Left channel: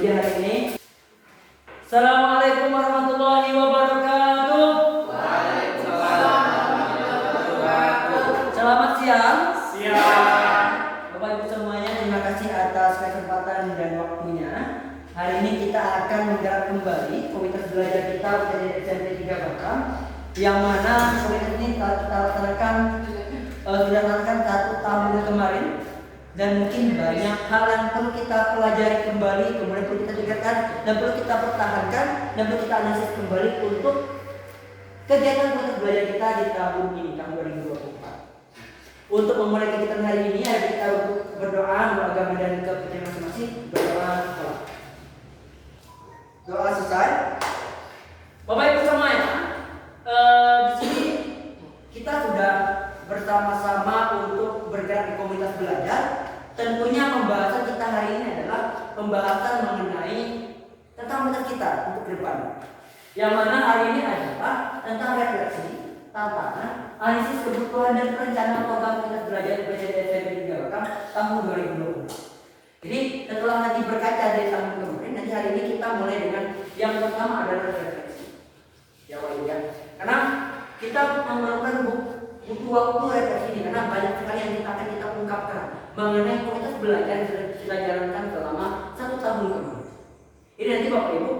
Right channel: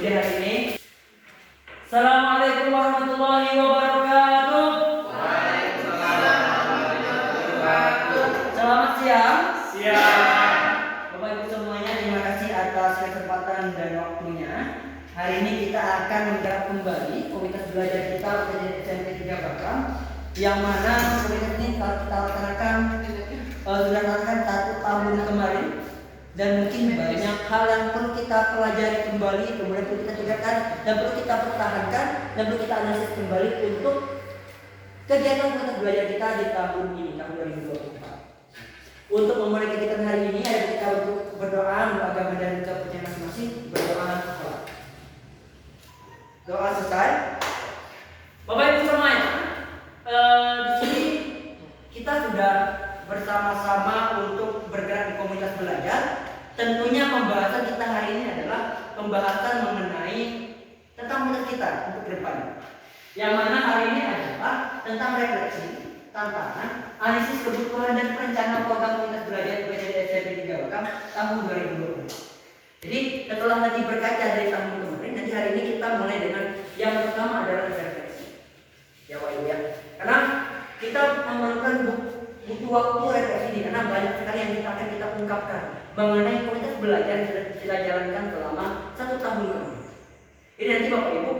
Jadi hari ini Assalamualaikum warahmatullahi wabarakatuh. Waalaikumsalam warahmatullahi wabarakatuh. Selamat siang. Siang. Bapak Ibu semuanya, terima kasih atas kesempatan dan waktunya. Hari ini kita akan menggarap kembali komunitas belajar kita UTJ SMP 3 Batam, yang mana komunitas ini telah kita laksanakan sudah laksanakan 1 tahun kemarin, dan mungkin banyak hal yang perlu kita pelajari kembali, kemudian perlu kita tingkatkan dan perlu kita pertahankan dan perlu kita analisis kembali untuk kegiatan komunitas belajar kita di tahun ini, tahun 2024. Untuk memulai kegiatan hari ini, hari kita untuk berdoa menurut agama dan kepercayaan masing-masing. Berdoa setelah doa selesai. Bapak Ibu semuanya, di sini kita sudah bersama-sama untuk bergerak di komunitas belajar. Tentunya pembahasan kita hari ini adalah pembahasan mengenai tentang komunitas kita untuk ke depan. Yang mana hari ini adalah tentang refleksi, tantangan, analisis kebutuhan dan perencanaan program komunitas belajar UTJ SMP 3 Batam tahun 2020. Jadi setelah nanti berkaca dari tahun kemarin, nanti hari ini kita mulai dengan yang pertama adalah refleksi. Ya Pak Ibu ya. Karena kita memerlukan butuh waktu refleksi ini, karena banyak sekali yang kita ungkapkan mengenai komunitas belajar yang sudah kita jalankan selama 1 tahun kemarin. Jadi nanti Bapak Ibu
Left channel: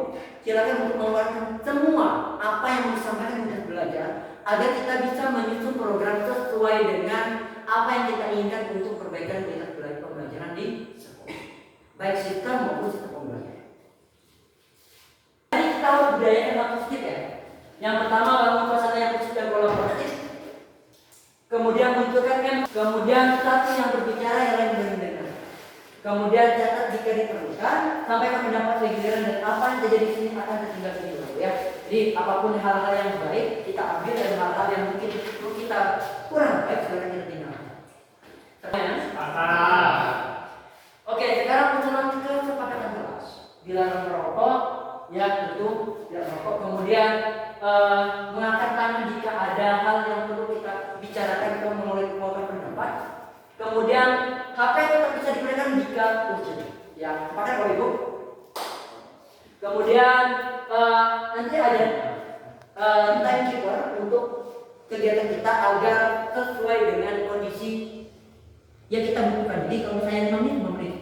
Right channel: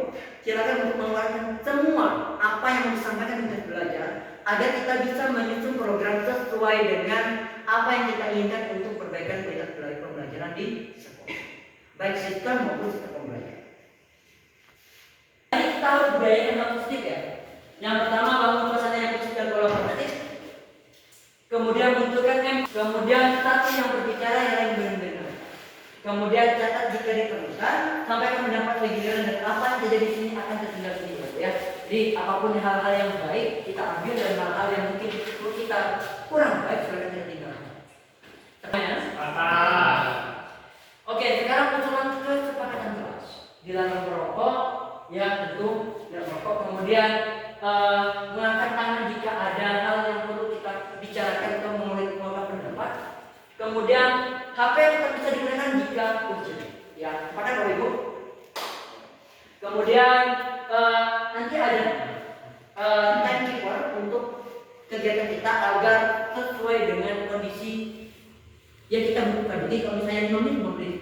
silakan untuk mengeluarkan semua apa yang disampaikan komunitas belajar agar kita bisa menyusun program sesuai dengan apa yang kita inginkan untuk perbaikan komunitas pembelajaran di sekolah, baik sistem maupun sistem pembelajaran. Jadi kita harus budayakan hal positif ya. Yang pertama, bangun suasana yang positif dan kolaboratif. Kemudian munculkan kemudian satu yang berbicara, yang lain mendengar. Kemudian catat jika diperlukan, sampaikan pendapat giliran dan apa yang terjadi di sini akan tertinggal di sini ya. Jadi apapun hal-hal yang baik kita ambil, dan hal-hal yang mungkin perlu kita kurang baik silakan ditinggalkan. Oke, sekarang usulan kesepakatan kelas. Dilarang merokok, ya tentu tidak merokok. Kemudian mengangkat tangan jika ada hal yang perlu kita bicarakan atau mengeluarkan pendapat. Kemudian HP tetap bisa digunakan jika urgent. Ya, sepakat Bapak Ibu? Kemudian nanti ada timekeeper untuk kegiatan kita agar sesuai dengan kondisi yang kita butuhkan. Jadi kalau misalnya 5 menit,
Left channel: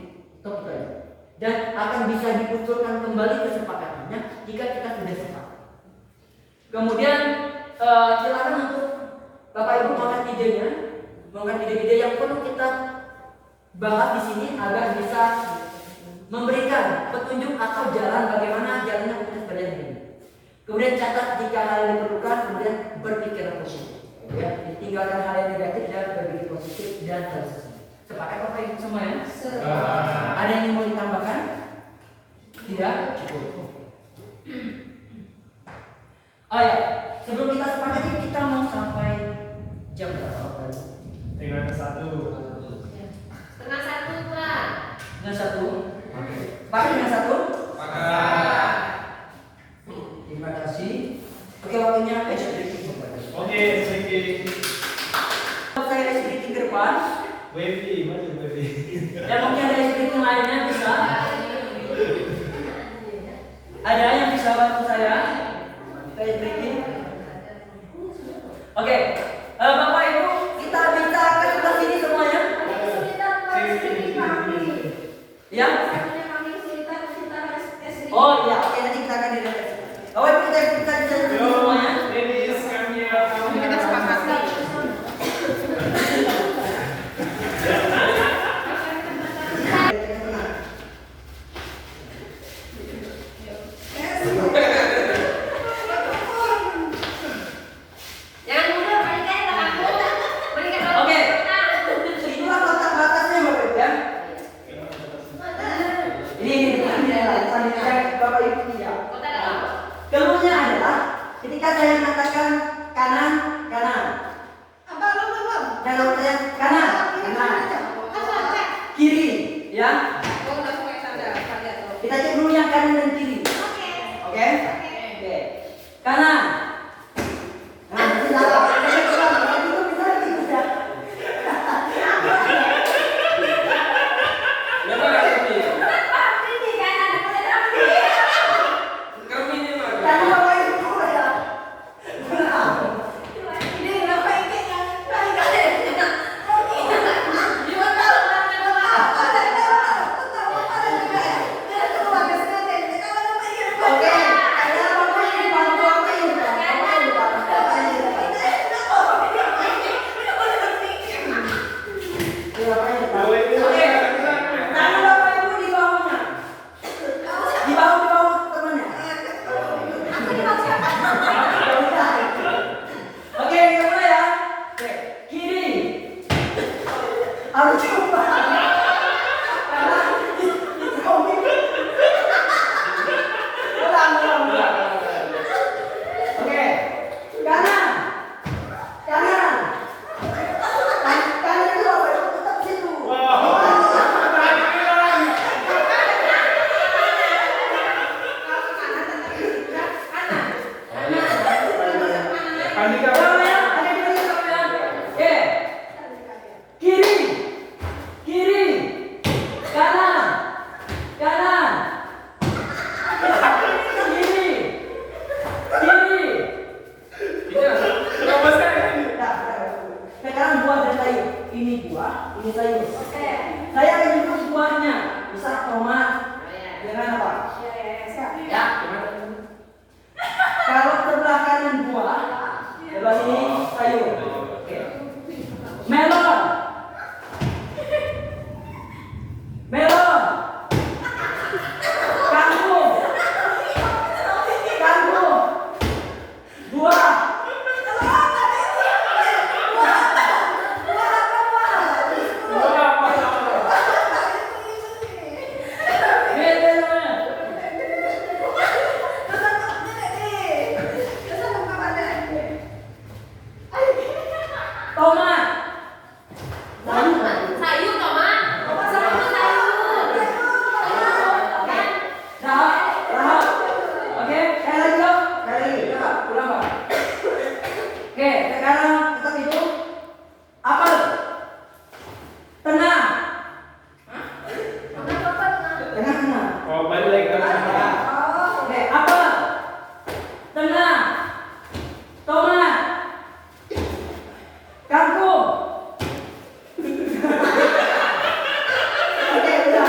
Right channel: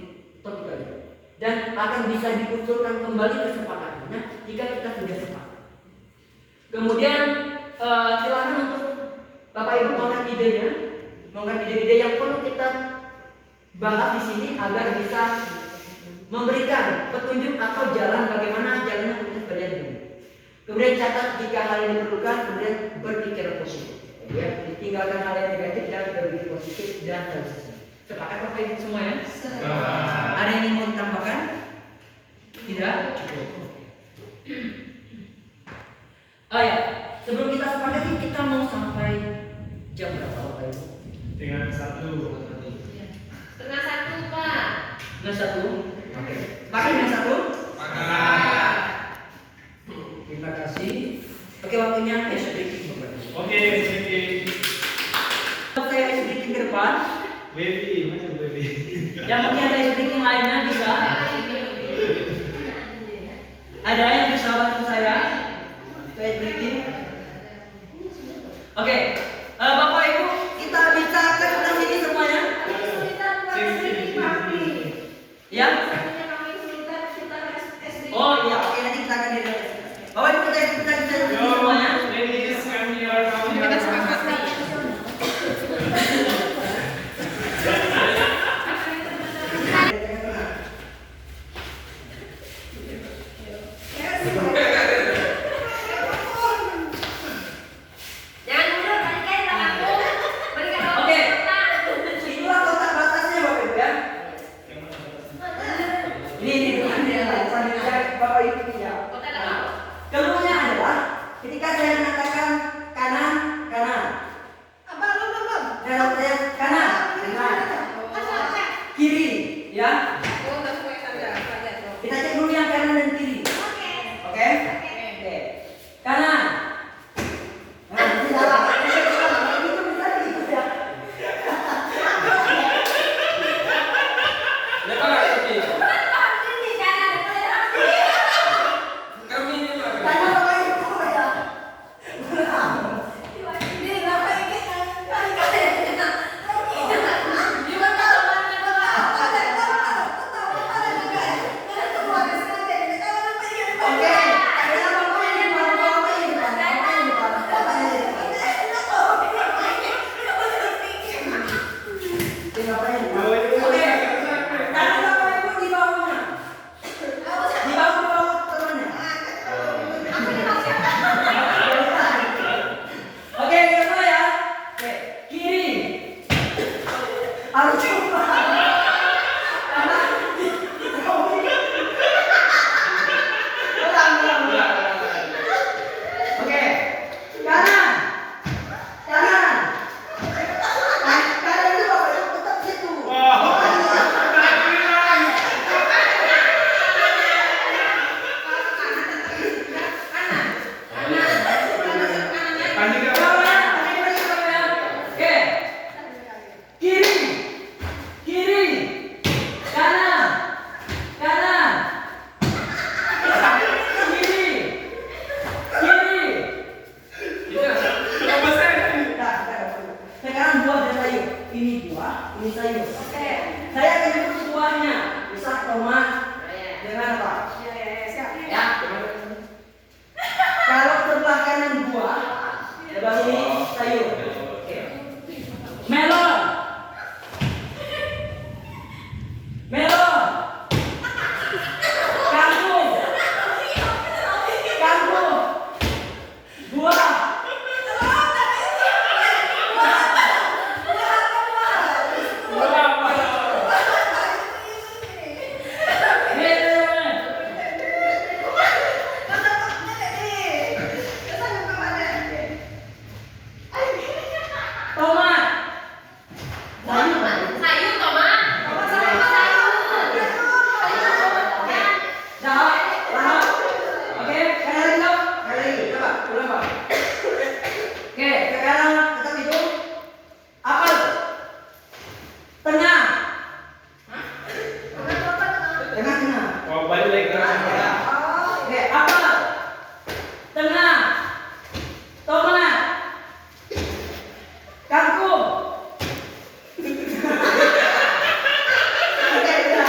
stop itu aja. Dan akan bisa diusulkan kembali kesepakatannya jika kita sudah sepakat. Kemudian silakan untuk Bapak Ibu mengangkat ide-ide yang perlu kita bahas di sini agar bisa memberikan petunjuk atau jalan bagaimana jalannya komunitas belajar ini. Kemudian catat jika hal yang diperlukan, kemudian berpikir positif. Ya, tinggalkan hal yang negatif dan berpikir positif dan terus. Sepakat Bapak Ibu semua ya? Ada yang mau ditambahkan? Tidak? Oh ya, sebelum kita sepakat kita mau sampai jam berapa Bapak Ibu? Dengan 1. Setengah 1 Pak. Dengan 1? Oke. Pakai dengan 1? Pakai. Terima kasih. Oke, waktunya ice breaking Bapak Ibu. Oke, baby. Saya ice breaking ke depan. Baby, masih baby. Yang mungkin ada ice breaking lainnya bisa. Ada yang bisa bantu saya? Ice breaking. Oke. Bapak Ibu, kita bisa ke sebelah sini semuanya? Ya? Oh iya, oke, nanti kita akan direfleksi. Bapak Ibu, kita bisa di sini semuanya? Ladies, kami Kita sepakat nih. Jangan mundur, balikan tanganku. Balikan tanganku. Oke. Itulah kotak batasnya Bapak Ibu ya. Ini Bapak Ibu ya. Keluarnya adalah ketika saya mengatakan kanan, kanan. Kalau saya kanan, kanan. Kiri, ya. Kita cek dulu yang kanan dan kiri. Oke? Oke. Kanan. Nah, nanti salah. Itu bisa gitu ya. Lepas kaki. Ini kanan, Dengan apa? siap. Ya. Kalau sebelah kanan buah, sebelah sini sayur. Oke. Melon. Melon. Kangkung. Kangkung. Buah. Tomat. Sayur tomat. Dah, lahap. Oke, sekali lagi dong. Sekali lagi, coba ulang Pak. Oke, sekarang tetap itu apel. Tengah. Tengah. Oh, balik ke sana. Oke, apel. Tengah. Tomat. Kangkung. Oke, udah.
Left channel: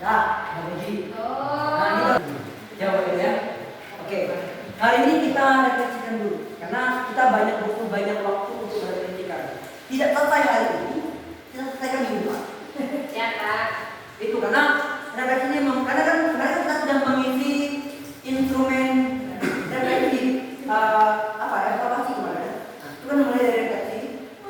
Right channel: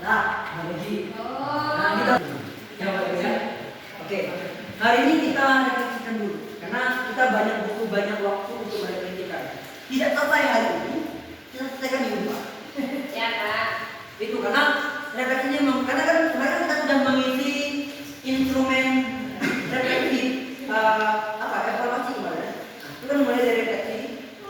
Nah, lagi. Nah, gitu. Ya, Bapak Ibu ya. Oke. Hari ini kita refleksikan dulu karena kita banyak butuh banyak waktu untuk merefleksikan. Tidak selesai hari ini, kita selesaikan minggu depan. Ya, Kak. Itu karena refleksinya memang karena kan kemarin kita sudah mengisi instrumen refleksi evaluasi kemarin. Nah, itu kan mulai dari refleksi,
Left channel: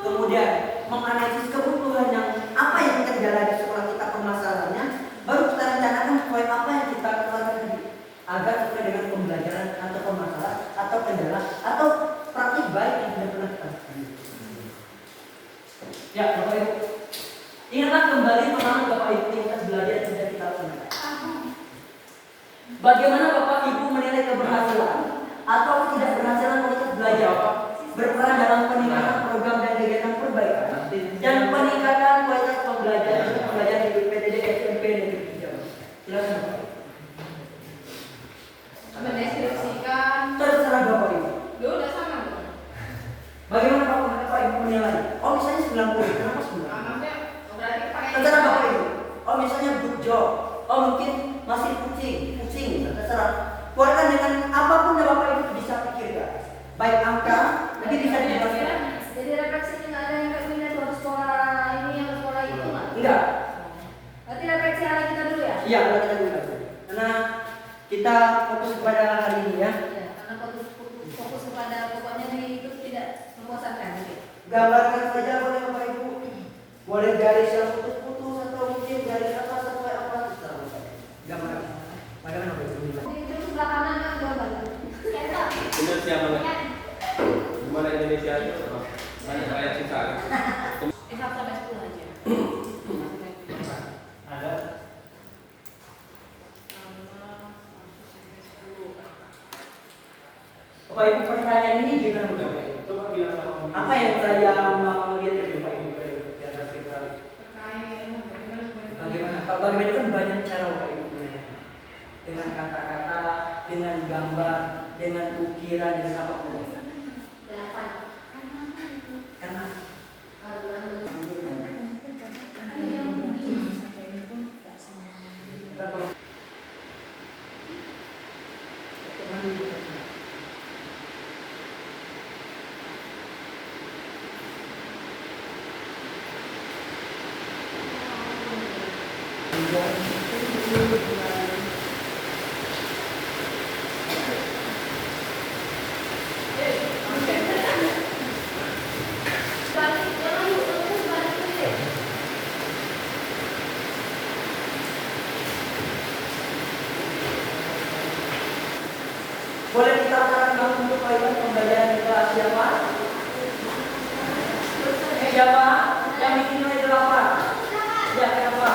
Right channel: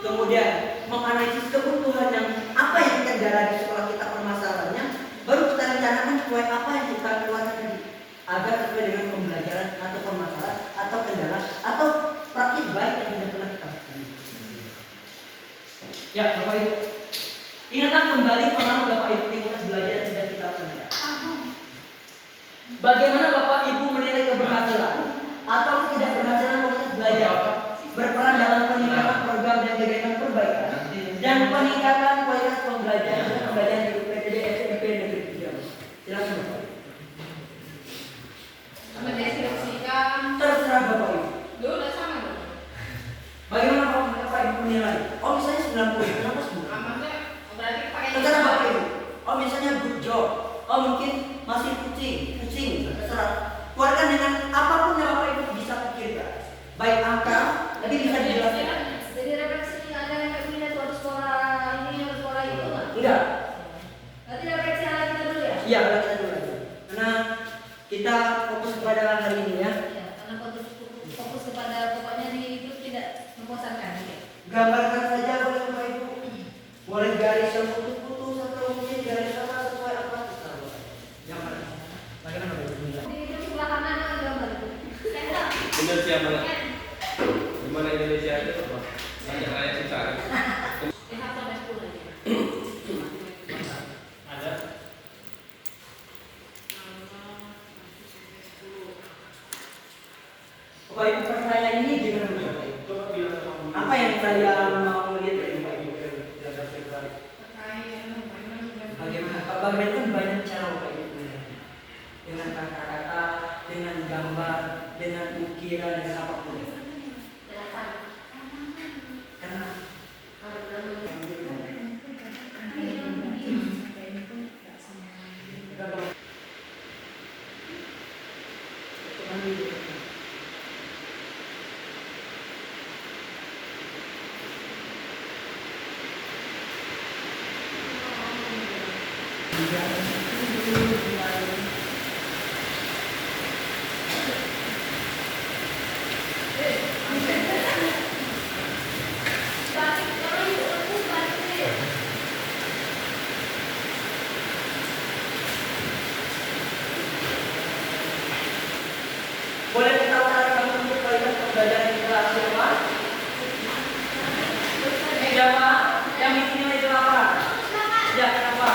kemudian menganalisis kebutuhan yang apa yang kita jalani di sekolah kita permasalahannya, baru kita rencanakan sesuai apa yang kita keluarkan tadi agar sesuai dengan pembelajaran atau permasalahan atau kendala atau praktik baik yang tidak pernah kita lakukan. Ya, Bapak Ibu. Ingatlah kembali pengalaman Bapak Ibu yang kita belajar yang sudah kita lakukan. Bagaimana Bapak Ibu menilai keberhasilan atau ketidakberhasilan proses belajar berperan dalam peningkatan program dan kegiatan perbaikan dan peningkatan kualitas pembelajaran di PTD SMP Negeri 3. Silakan Bapak. Mendeskripsikan. Terserah Bapak Ibu. Dulu udah sama belum? Bagaimana Bapak Ibu menilai? Oh misalnya 90, kenapa 90? Maksudnya berarti pakai Terserah Bapak Ibu. Oh misalnya good job. Oh mungkin masih pusing. Terserah. Keluarkan dengan apapun yang Bapak Ibu bisa pikirkan. Baik angka, nanti bisa dijelaskan. Jadi refleksi nggak ada yang kayak pindah tuh harus sekolah ini harus sekolah itu nggak? Tidak. Berarti refleksi ala kita dulu ya? Iya, kita dulu aja. Karena kita fokus kepada hari ini ya. Iya, karena fokus kepada pokoknya di itu tidak membosankan gitu. Gambarkan saja boleh Bapak Ibu. Boleh garis yang putus-putus atau mungkin garis apa sesuai apa terserah. Gambarkan. Bagaimana Bapak Ibu menilai? Di itu sebelah kanan ada gambar. Kayak Indonesia mana? Gimana Indonesia itu? Saya susah. di hafal dan sepuluh aja. Ada. Bapak Ibu pertanyaan ini gimana menurut Bapak Ibu? Coba bilang sama Apa yang saya mau lihat dari Bapak Ibu? Bagaimana? Kalau bagaimana kan banyak cara Bapak Ibu melihat. Dengan kata-kata, dengan gambar, dengan ukiran, dengan apapun. Karena boleh kita sarankan untuk kualitas pembelajaran kita siapa? Siapa? Yang di sini itu apa? Ya, kenapa?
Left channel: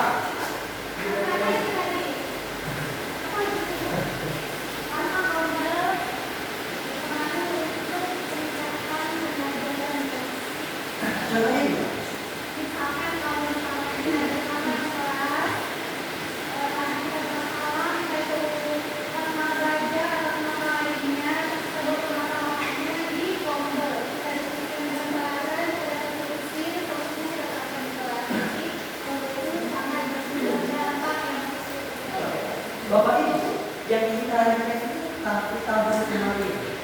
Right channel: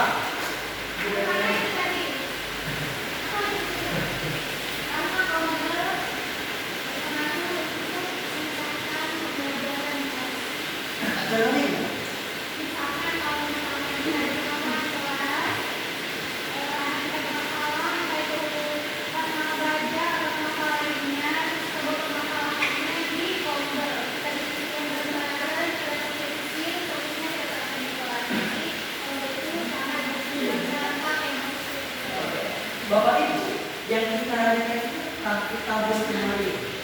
Bapak Ibu yang kita lihat itu kita berkenali.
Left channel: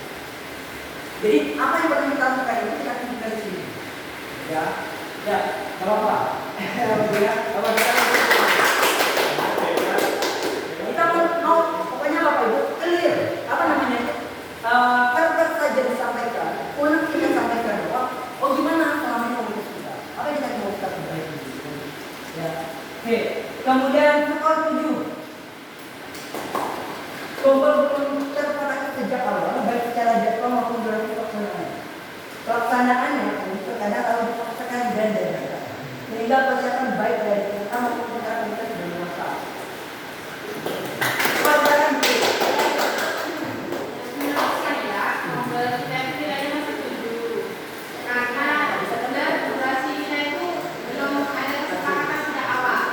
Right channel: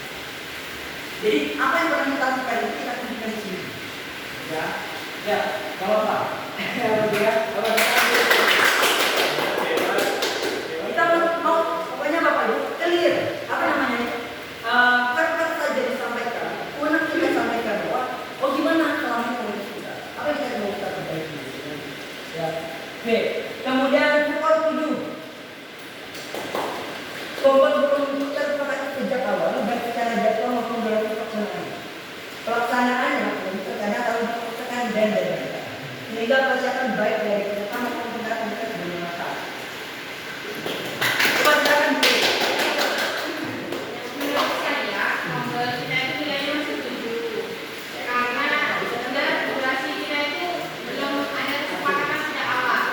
Jadi apa yang perlu kita lakukan itu kita tunjukkan di sini. Ya, ya, kalau apa? Ya, kalau kita mau pokoknya Bapak Ibu clear apa namanya? Karakter saja disampaikan, kemudian kita sampaikan bahwa oh gimana selama komunitas kita, apa yang kita mau kita perbaiki? Ya, oke. Kemudian soal 7, coba untuk tercapai sejak awal baik secara jadwal maupun dalam pelaksanaan. Pelaksanaannya terkadang kalau dipaksakan dan dadakan, sehingga persiapan baik dari peserta maupun peserta kita bermanfaat. Menurut saya, saya kiranya masih setuju karena durasi kita itu belum ada kesepakatan sejak awal.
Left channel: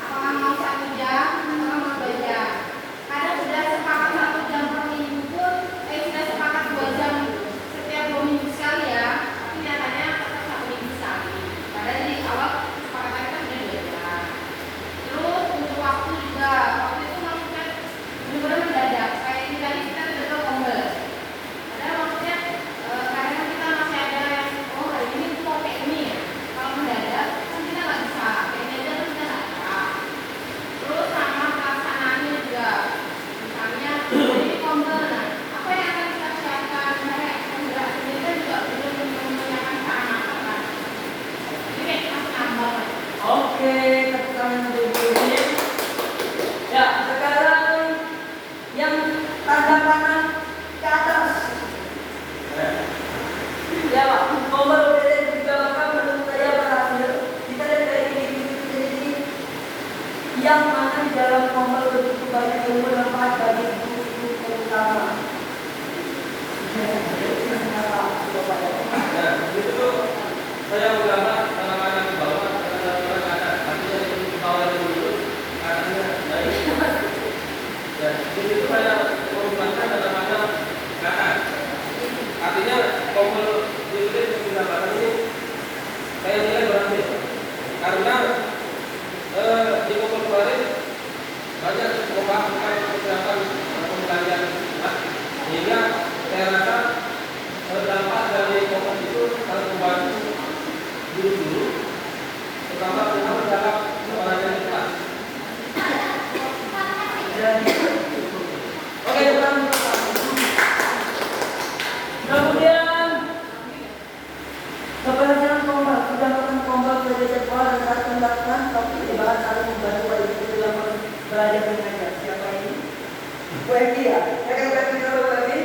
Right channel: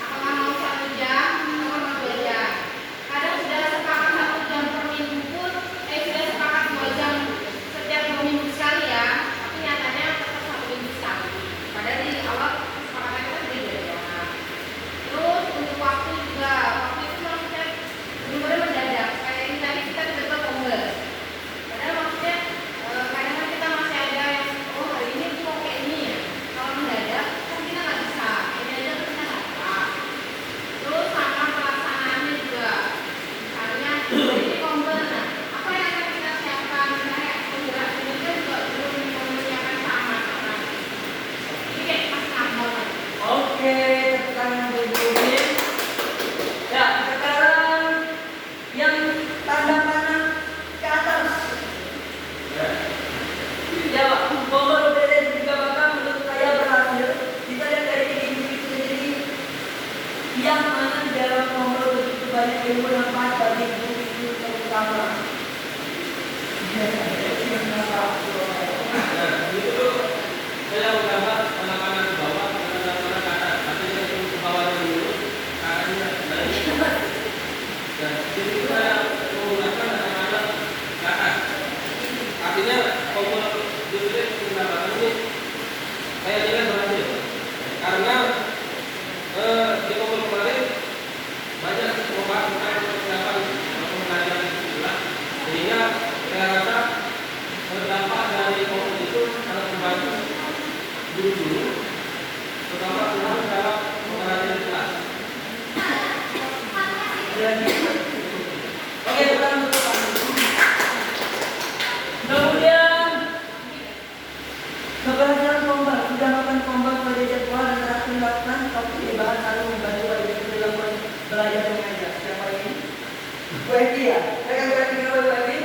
Apakah mau 1 jam atau mau 2 jam? Kadang sudah sepakat 1 jam per minggu pun, sudah sepakat 2 jam setiap 2 minggu sekali ya. Tapi nyatanya tetap 1 minggu sekali. Padahal di awal kesepakatannya sudah 2 jam. Terus untuk waktu juga, waktu itu maksudnya benar-benar mendadak. Kayak misalnya kita tiba-tiba kombel. Padahal maksudnya kadang kita masih ada yang oh hari ini tuh mau kayak ini ya. Kalau mendadak kan kita nggak bisa. Kayak mendadak kan kita nggak bisa. Terus sama pelaksanaannya juga. Misalnya ini kombel, nah apa yang akan kita siapkan? Misalnya penggerak sendiri juga belum menyiapkan sama kan. Ini kayak masih nambah. Oke, tepuk tangan dulu. Ya, sekarang yang tanda panah ke atas. Ya, nomor OPD juga Bapak menurut saya berhasil. Kita lihat dari individu sendiri yang mana di dalam nomor begitu banyak yang bermanfaat bagi guru-guru terutama. Saya menggambar anak-anak ke bawah, anak-anak ke atas. Artinya itu ke bawah dulu, akannya naik. Dan itu saya menggunakan anak-anak ke atas. Artinya kompon justru menambahkan ini saya kira berhasil. Karena di kompon kemarin banyak upaya persiapan pembelajaran istilah, sehingga saya rasa dampak dari kompon itu sangat membantu guru-guru, terutama dalam pembelajaran kelas. Oke, bukan. Kemudian keberhasilan tombak sudah melakukan tombak sebagai jadwal dan saat dilakukan tapi dibahas saling membantu wali murid dalam belajar dan mengajar. Siapa ini? Bu Eki ya. Saya akan bertanya kepada Bu Eki.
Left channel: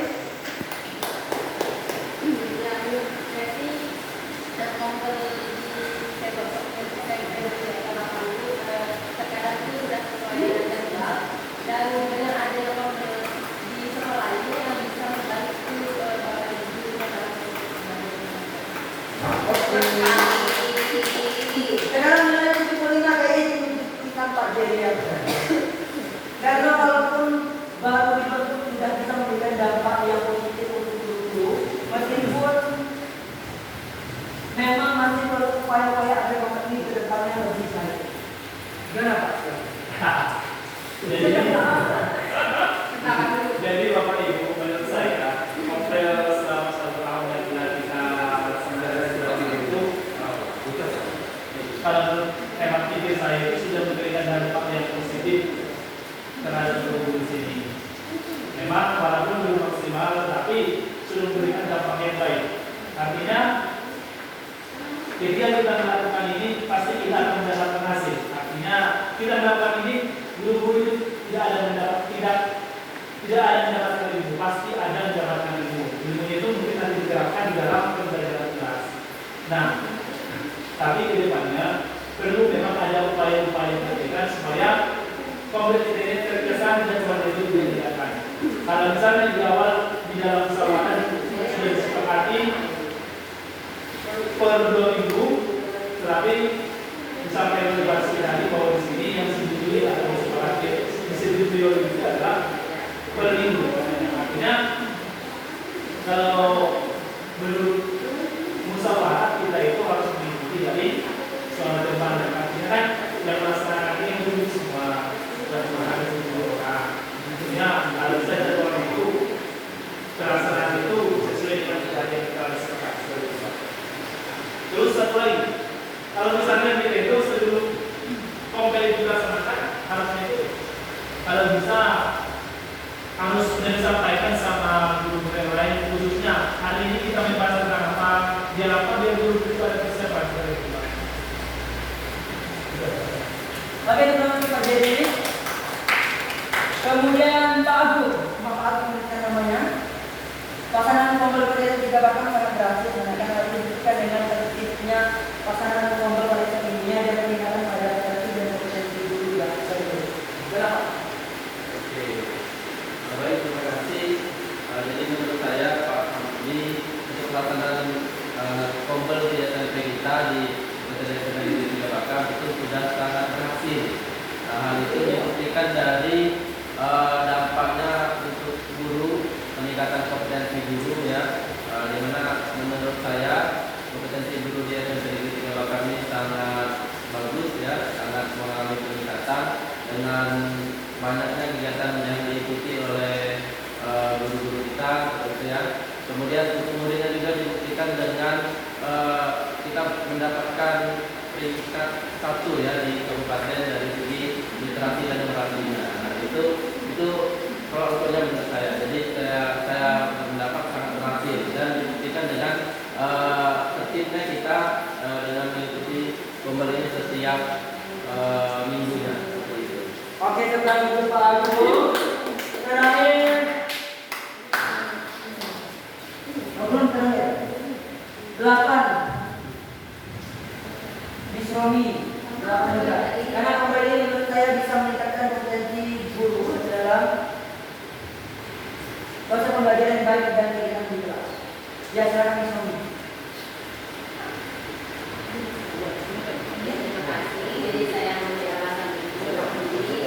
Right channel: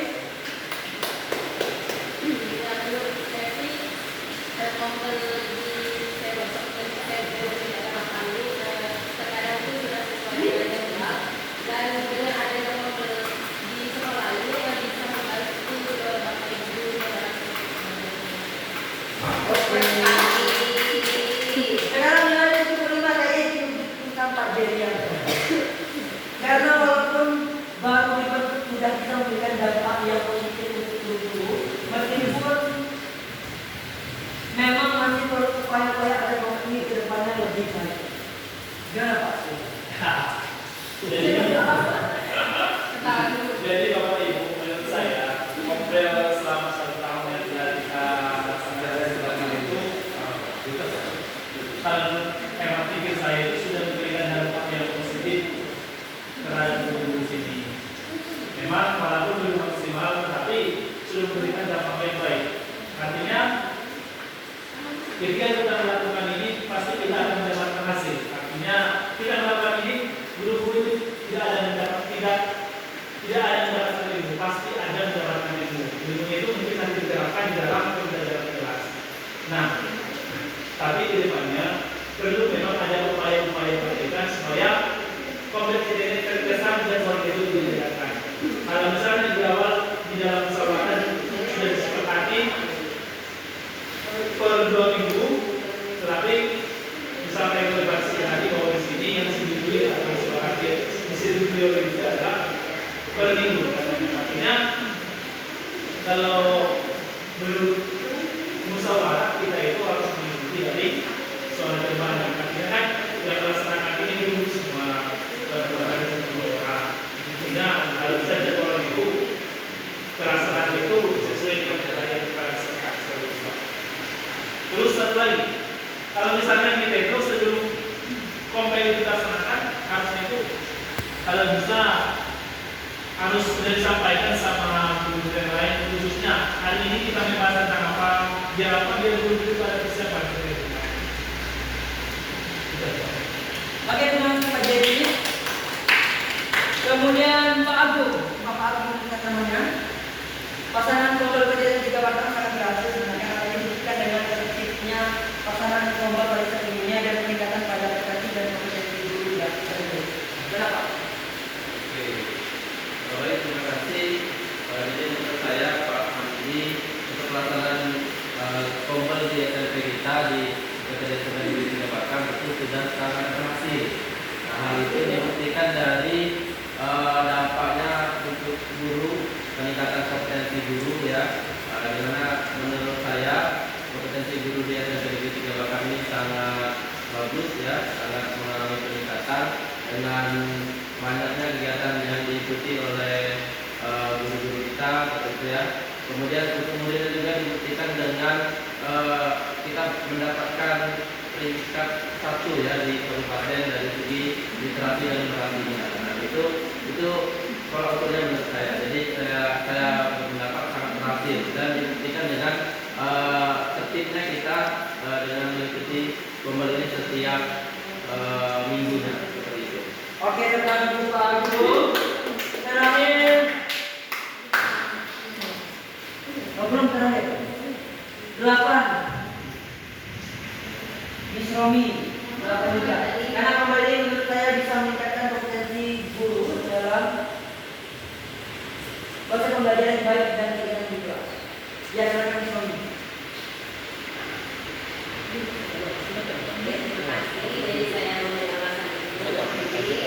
Terkadang itu sudah sesuai dengan jadwal dan dengan adanya kompel di sekolah ini yang bisa membantu Bapak Ibu Sekarang nilai 75 kayaknya itu tampak jadi karena walaupun baru dibentuk sudah bisa memberikan dampak yang positif untuk guru-guru, meskipun memang masih perlu upaya-upaya agar kompet ini ke depannya lebih baik. Gimana Pak? Jadi Bapak Ibu, menurut saya kompel selama 1 tahun yang telah kita laksanakan seperti itu, kalau hemat pikir saya itu sudah memberikan dampak yang positif terhadap guru di sini. Memang walaupun belum maksimal, tetapi sudah memberikan dampak yang baik. Artinya, ketika kita melakukan ini, pasti kita akan mendapatkan hasil. Artinya, kita melakukan ini, guru-guru itu tidak ada yang mendapatkan ilmu, pasti ada yang mendapatkan ilmu. Ilmu itu mungkin akan diterapkan di dalam pembelajaran kelas. Nah, tapi ke depannya perlu memang ada upaya-upaya pendidikan supaya kompetisi ini terkesan dan warna itu diadakan. Kalau misalnya di awal di dalam musyawarah sudah disepakati per 2 minggu, tetapi sampai relevasi tadi bahwa di sini yang disetujui atau disepakati disetujui oleh itu adalah per minggu. Artinya kalau menurut musyawarah kita itu harus mengikuti dari soal terbang dan akhirnya kan yang melaksanakan ini belum semua ada 10 orang. kalau bisa harus sudah disampaikan sama guru yang lain, khususnya hari ini kita membahas tentang apa, biar guru kita ada persiapan. Oke teman-teman, Pak Jadi. Kemudian Pak Agung, namanya. Pasangan tombol pada 3 batang sangat berhasil menangkan hal ini dibuktikan dengan tertibnya pasangan tombol pada sebelumnya dan peningkatan pada prestasi dan kompetensi guru yang tersebut. Berapa? Oke, baik, terima kasih. Jadi menurut saya Pak Hamdi untuk pelaksanaan tombol di SMP kita di SMP di Tiga Bakang itu sudah sangat berhasil. Nah, hal itu dibuktikan dari dampaknya untuk guru, peningkatan kompetensi guru ya, di mana menurut saya kompetensi guru di SMP di Tiga Bakang ini sangat bagus ya, sangat mengalami peningkatan dengan banyaknya kegiatan yang diikuti oleh guru-guru kita, gitu ya. Kemudian juga dibuktikan dengan kita mendapatkan peringkat 1 ya di kabupaten dari segi literasi dan inovasinya. Nah, itu kalau ukurnya menurut saya. Jadi saya mendapat sangat berhasil dan dibuktikan dengan tertibnya kita dengan mengikuti pembelian setiap minggunya. Oke, setelah itu Pak Agung. Terakhir. Belum terakhir. 8. Miss Romi. 8 juga. Karena kembali menurut saya bisa meningkatkan kompetensi guru dalam proses pembelajaran yang baik dan keinginan juga. Ya, silakan Miss Romi. Terima kasih. Jadi saya memberi alasan itu. Jadi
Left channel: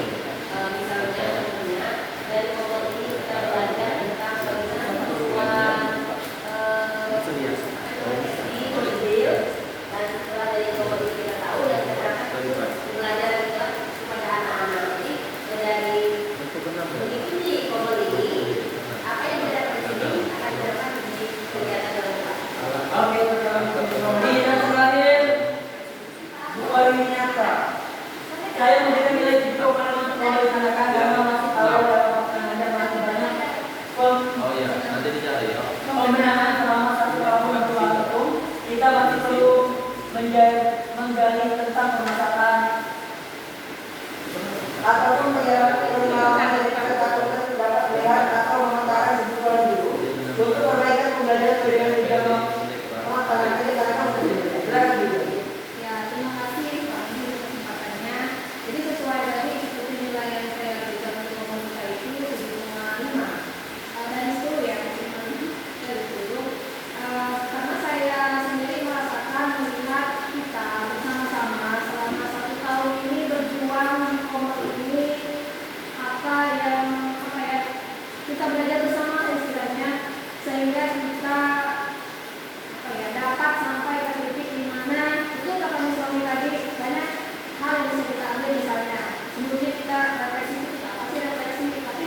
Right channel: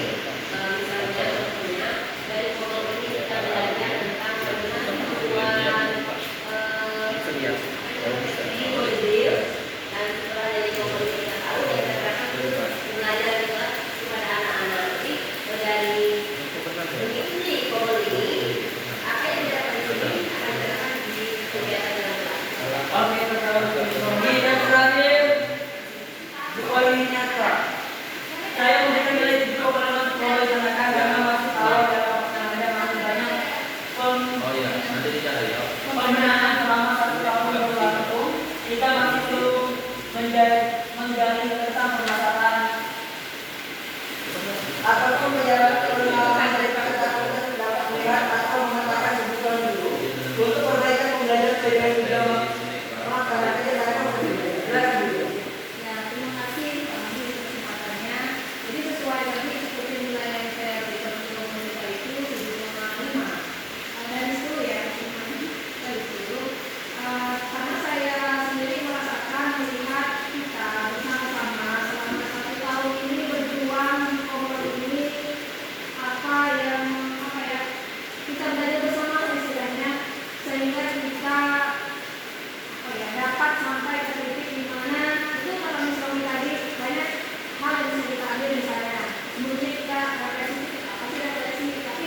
misalnya contohnya dari pokok ini kita belajar tentang bagaimana membuat strategi mobil, dan setelah dari pokok ini kita tahu dan kita akan belajar juga kepada anak-anak. Jadi dari mengikuti pokok ini, apa yang didapat di sini akan didapat di kegiatan dalam kelas. Oke, sekarang Miss Romi. Dan terakhir Bu Orwinata. Saya memberikan nilai 7 untuk melaksanakan karena masih awal dalam pelaksananya masih banyak Oh iya, nanti dicari ya. pembinaan selama 1 tahun berlangsung. Kita masih perlu menggali tentang permasalahan ataupun